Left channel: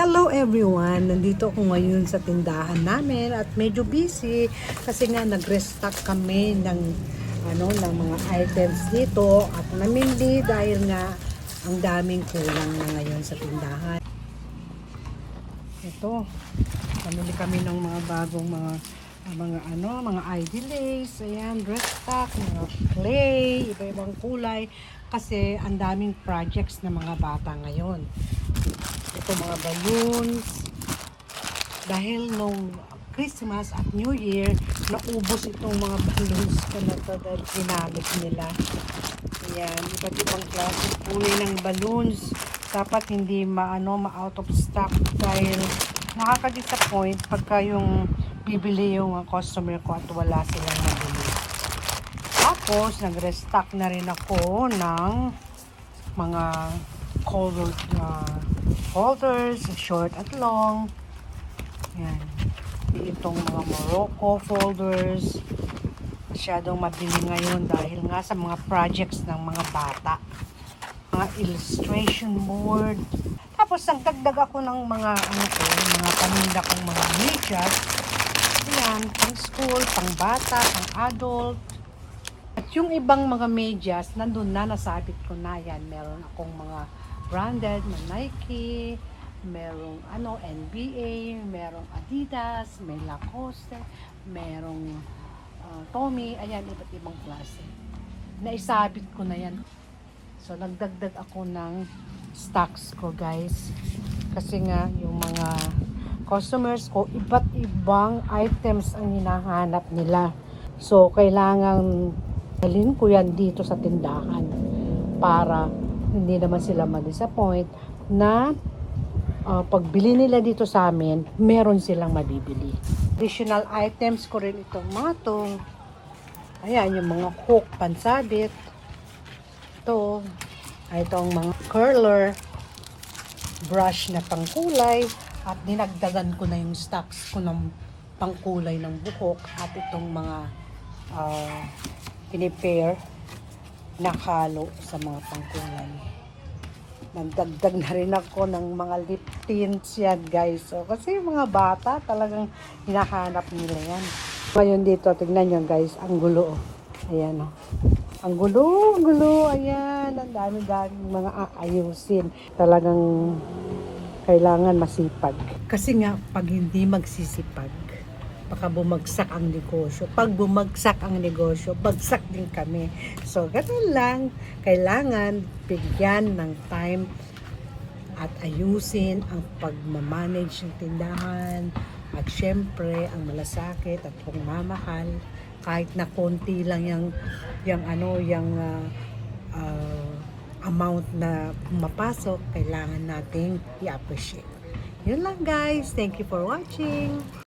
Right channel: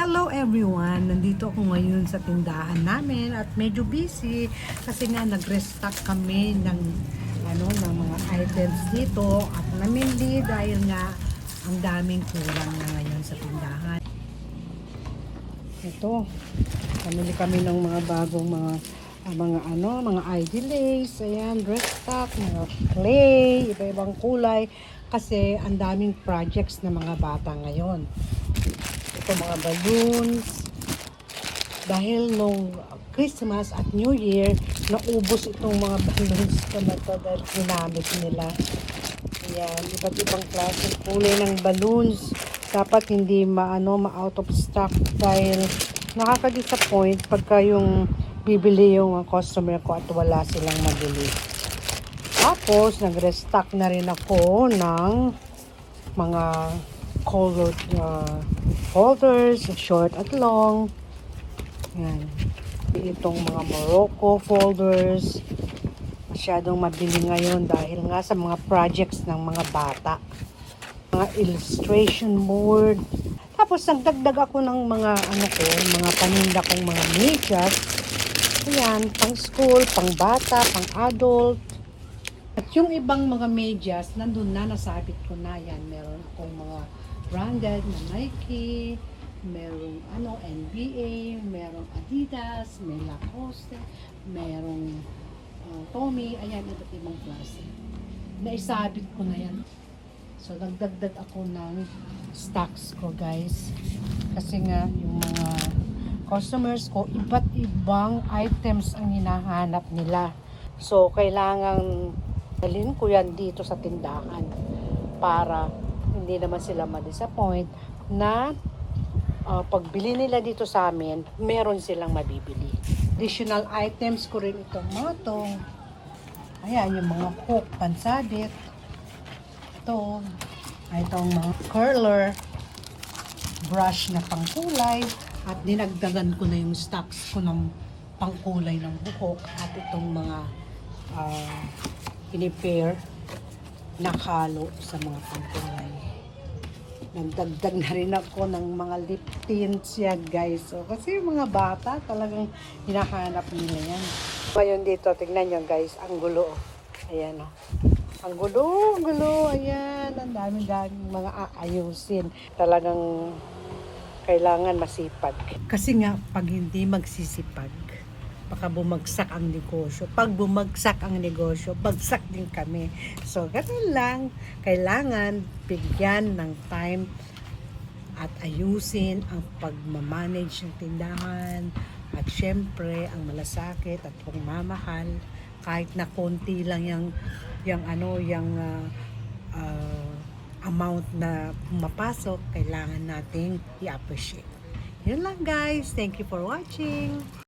Hello everyone! Nandito ako ngayon sa tindahan namin at medyo busy kasi nga nag-restock kami ng mga items dito at namindi dahil nga ang daming kulang na ngayon sa tindahan. Ito, namili kami ng mga bagong mga ID lace, ayan, restock, mga clay, iba-ibang kulay kasi ang daming projects ng mga bata ngayon. Ito mga balloons dahil nung Christmas at New Year naubos itong mga balloons na ginamit nila. Ayan, iba't ibang klase kulay ng balloons. Dapat hindi ma-out of stock dahil nakaka-disappoint pagka yung bibili yung customer ko at wala silang mabili. Tapos nag-restock na rin ako ng mga colored folders, short at long. Ayan. Itong mga Morocco folders masyadong mabili ngayon dahil nga sa mga projects ng mga bata, mga illustration board. Tapos nagdagdag ako ng mga mga paninda kong mga medyas. Ayan, pang school, pang bata, pang adult. At yung ibang mga medyas nandun na, nasabit ko na. Yan, meron akong mga branded na Nike, merong NBA, merong Adidas, may Lacoste, merong Tommy, ayan, iba't ibang klase. Naisabit ko na yan. So, nagdagdag ako ng stocks ko, guys. Kasi nga, yung mga customers ko, iba't ibang items ang hinahanap nila. So, kailangan dalhin ko yan dito sa tindahan para hindi naman sila ma-disappoint na pagbili nila dito sa amin, meron silang mabibili. Additional items ko rin itong mga to. Ayan, yung mga hook, pansabit. Ito, itong mga curler, brush na pangkulay, at dinagdagan ko na yung stocks ko ng pangkulay ng buhok at itong mga pinipair na halo sa mga pangkulay. Nagdagdag na rin ako ng mga lip tints yan, guys. So, kasi mga bata talagang hinahanap nila yan. Ngayon dito, tingnan nyo, guys, ang gulo. Ayan, ang gulo, ayan, ang dami-dami mga ayusin. Talagang kailangan masipag. Kasi nga, pag hindi magsisipag, baka bumagsak ang negosyo. Pag bumagsak ang negosyo, bagsak din kami. So, ganun lang. Kailangan bigyan ng time at ayusin ang pagmamanage ng tindahan at syempre ang malasakit at pagmamahal kahit na konti lang yung amount na mapasok, kailangan nating i-appreciate. Yun lang, guys. Thank you for watching.